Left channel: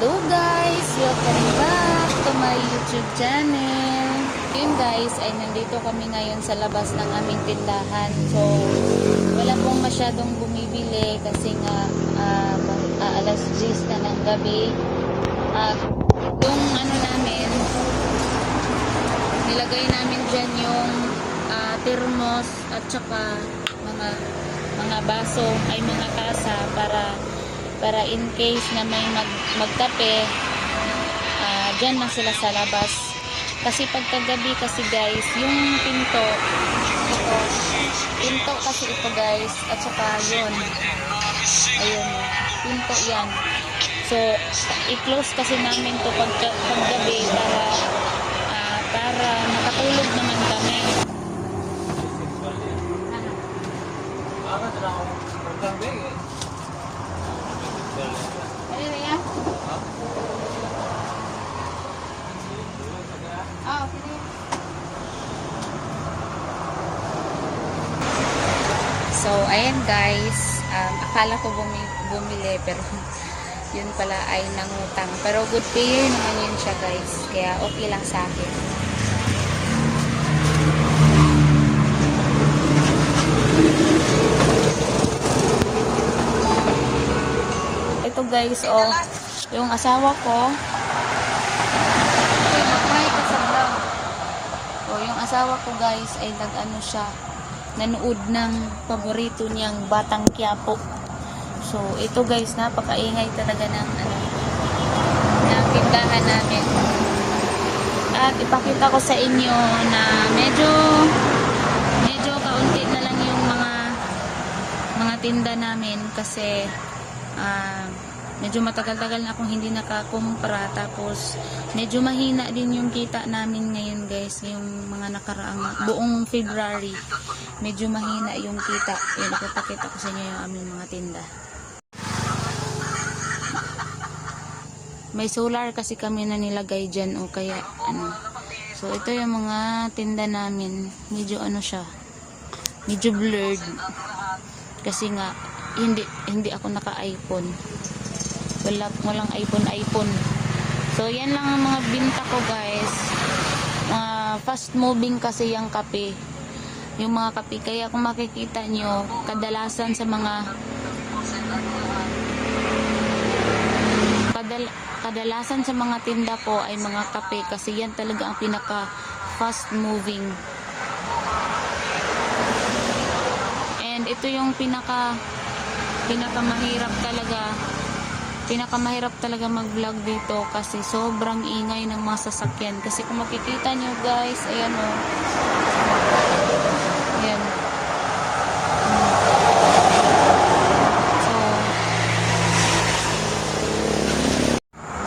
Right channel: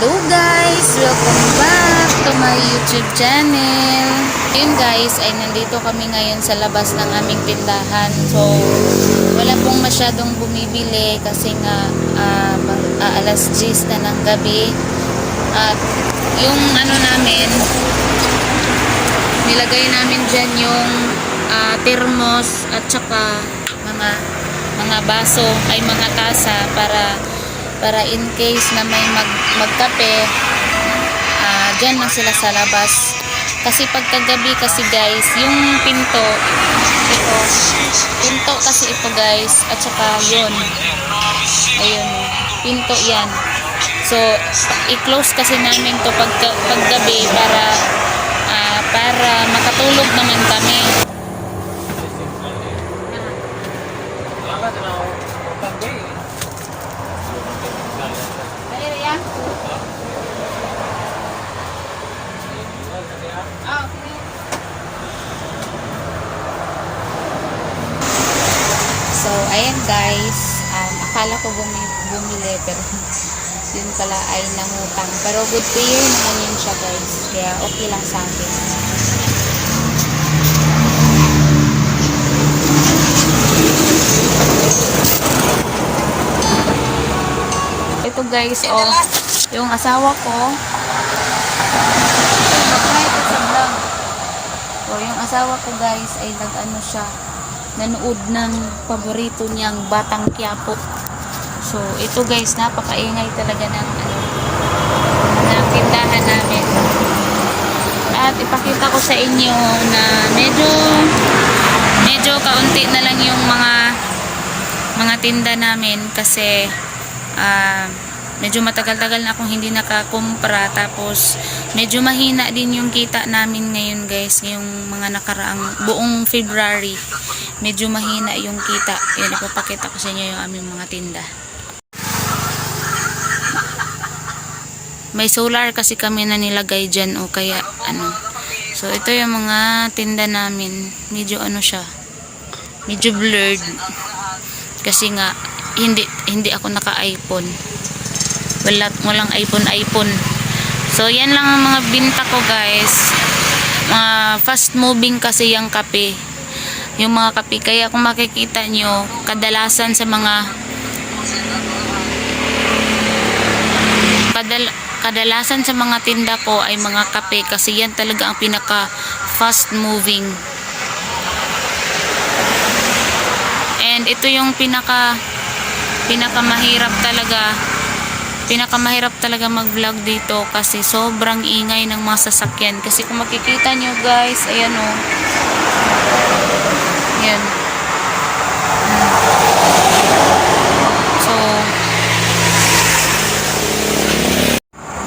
Hello guys! Welcome back to my YouTube channel. Ayun guys, ay nandito kami ngayon sa labas ng aming tindahan. So, wala pong masyadong bumibili kasi nga alas 10 na ng gabi. At yung ano namin, nilagay namin dyan yung thermos at saka mga baso ay mga tasa para in case na may magkape, dyan lang sila sa labas. Kasi pagkagabi kasi guys, yung pinto kasi ito guys, at saka yun, ayun, pinto yan. So i-close kasi namin to paggabi para makatulog naman kami. So, ayan guys, akala ko bumili pero yun pala ay nangutang. Pero good to you naman yun siya guys, kaya okay lang sa akin. Ito guys, oh, yung asawa ko, yung asawa ko guys ay nag-ano siya, nanood ng paborito niyang Batang Quiapo. So ito guys, napakaingay talaga ng ng tindahan namin. At ipakita ko sa inyo na medyo kaunti na lang yung mga tinda namin kasi medyo matagal-tagal na akong hindi nakakumpra, tapos medyo mahina din yung kita namin ngayon guys, ngayong mga nakaraang buong February medyo mahina yung kita. Yan, ipapakita ko sa inyo yung aming mga tinda. May solar kasi kami na nilagay dyan, o kaya ano. So ito yung mga tinda namin, medyo ano siya, medyo blurred kasi nga hindi ako naka-iPhone. Walang iPhone. So yan lang ang mga binta ko guys. Fast moving kasi yung kape. Yung mga kape, kaya kung makikita nyo, kadalasan sa mga tinda ko ay mga kape kasi yan talaga ang pinaka fast moving. And ito yung pinakamahirap talaga mag-vlog dito kasi sobrang ingay ng mga sasakyan. Kasi kung makikita nyo guys, ayan o, yan.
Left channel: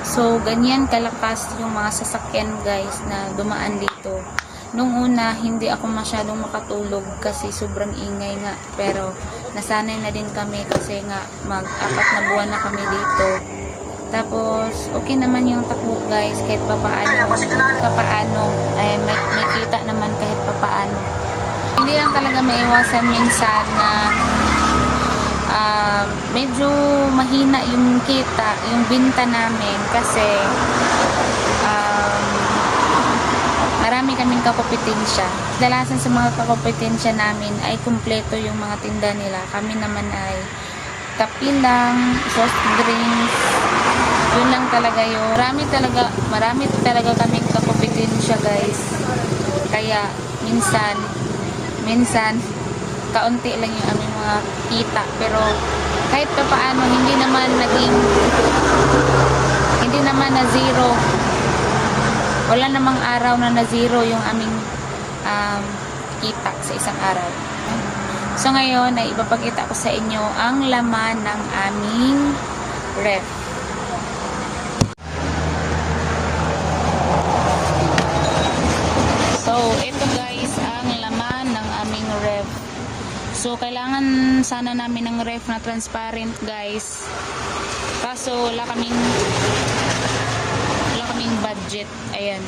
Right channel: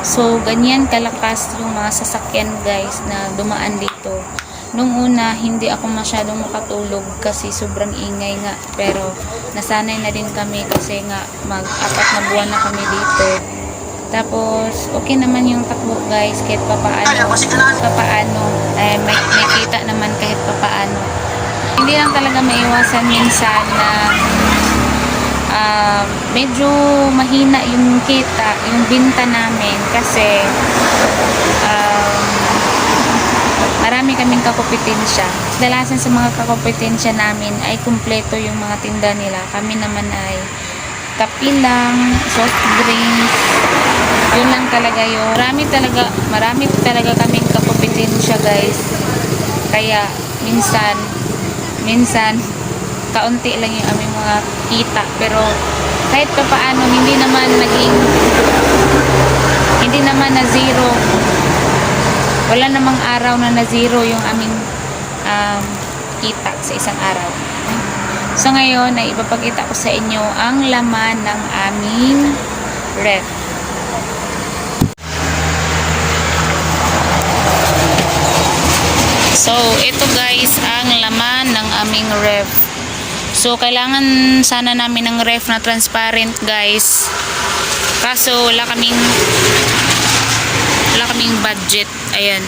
So ganyan kalakas yung mga sasakyan guys na dumaan dito. Nung una hindi ako masyadong makatulog kasi sobrang ingay nga, pero nasanay na din kami kasi nga mag-apat na buwan na kami dito. Tapos okay naman yung takbo guys, kahit papaano ay may kita naman kahit papaano. Hindi lang talaga maiwasan minsan na medyo mahina yung kita, yung binta namin kasi marami kaming kakompetensya. Dalasan sa mga kakompetensya namin ay kumpleto yung mga tinda nila. Kami naman ay kape lang, soft drinks, yun lang talaga yun. Marami talaga kaming kakompetensya guys. Kaya minsan kaunti lang yung aming mga kita, pero kahit pa paano hindi naman na zero. Wala namang araw na zero yung aming kita sa isang araw. So ngayon ay ipapakita ko sa inyo ang laman ng aming ref. So ito guys ang laman ng aming ref. So kailangan sana namin ng ref na transparent guys, kaso wala kaming budget. Ayan.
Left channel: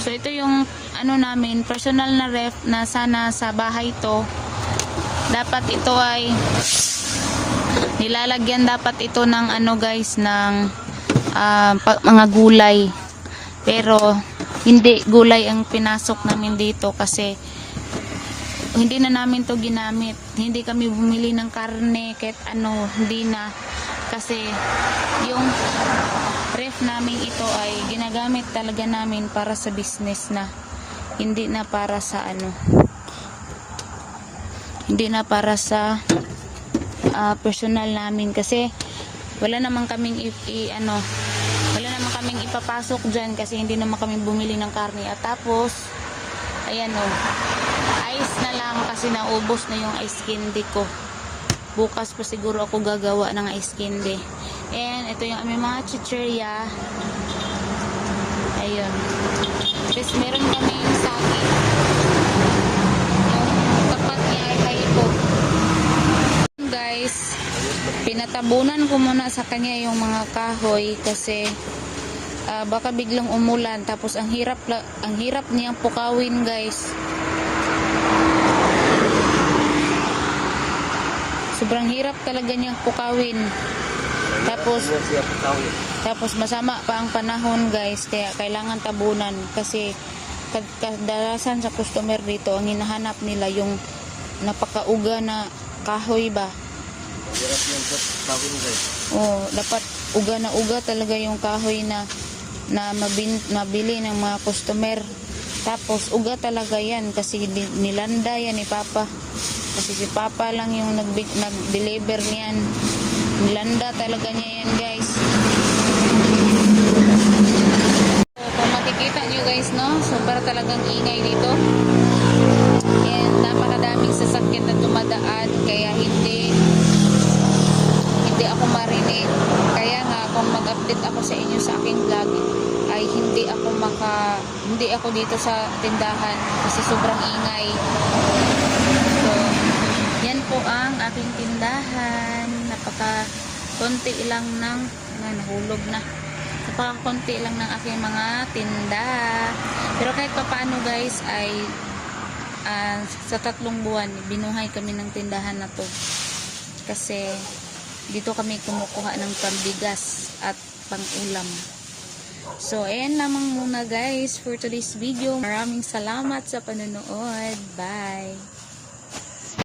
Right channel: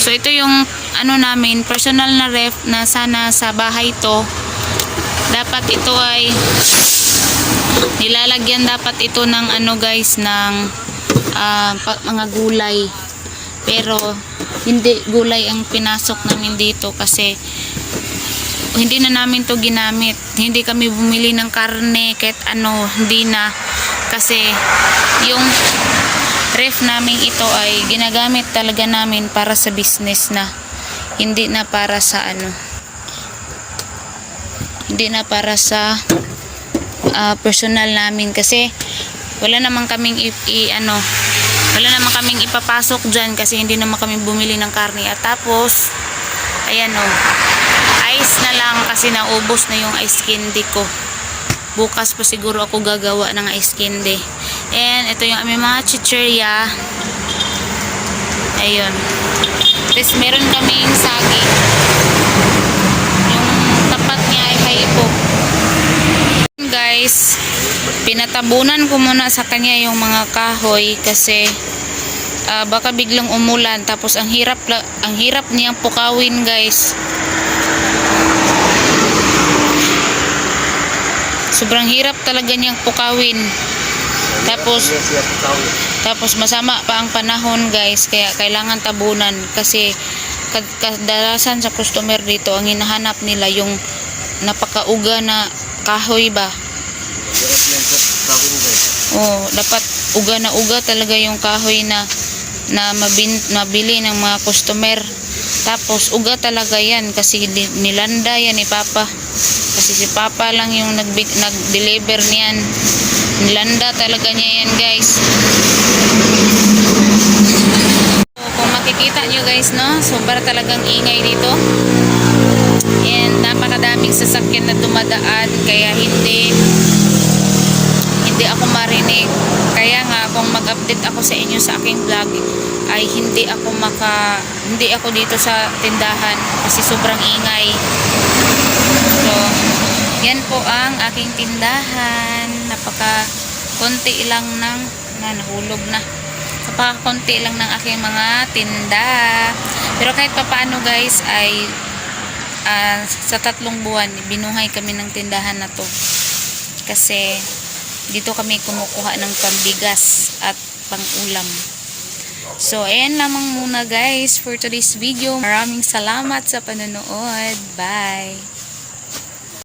So ito yung ano namin, personal na ref na sana sa bahay to. Dapat ito ay nilalagyan dapat ito ng ano guys, ng mga gulay. Pero hindi gulay ang pinasok namin dito kasi hindi na namin to ginamit. Hindi kami bumili ng karne kahit ano, hindi na. Kasi yung ref namin ito ay ginagamit talaga namin para sa business na. Hindi na para sa ano. Hindi na para sa personal namin kasi wala naman kaming wala naman kaming ipapasok dyan kasi hindi naman kami bumili ng karne. At tapos ayan ice na lang kasi naubos na yung ice candy ko. Bukas pa siguro ako gagawa ng ice candy. And ito yung aming mga chichirya. Ayun. Tapos meron kaming saging. Yung tapat niya ay haipo. Guys, pinatabunan ko muna sa kanya yung mga kahoy kasi baka biglang umulan, tapos ang hirap niyang pukawin, guys. Sobrang hirap talaga niyang pukawin. Tapos masama pa ang panahon, guys, kaya kailangan tabunan kasi kadalasan sa customer dito ang hinahanap nila yung napakauga na kahoy ba. Dapat uga na uga talaga yung kahoy na mabili ng mga customer. Tapos uga talaga yan kasi nilanda yan ni Papa. Kasi si Papa lang yung nag-deliver niyan. Nilanda talaga niya yan, guys. Kung makikita nyo, guys, no, sobra talagang ingay dito. And napakadaming sasakyan na dumadaan kaya hindi ako marinig. Kaya nga kung mag-update ako sa inyo sa aking vlog ay hindi ako dito sa tindahan kasi sobrang ingay. So yan po ang aking tindahan. Konti lang nahulog na. Konti lang ng aking mga tinda. Pero kahit papaano, guys, ay sa 3 buwan binuhay kami ng tindahan na to kasi dito kami kumukuha ng pambigas at pang-ulam. So ayan lamang muna, guys, for today's video. Maraming salamat sa panonood. Bye!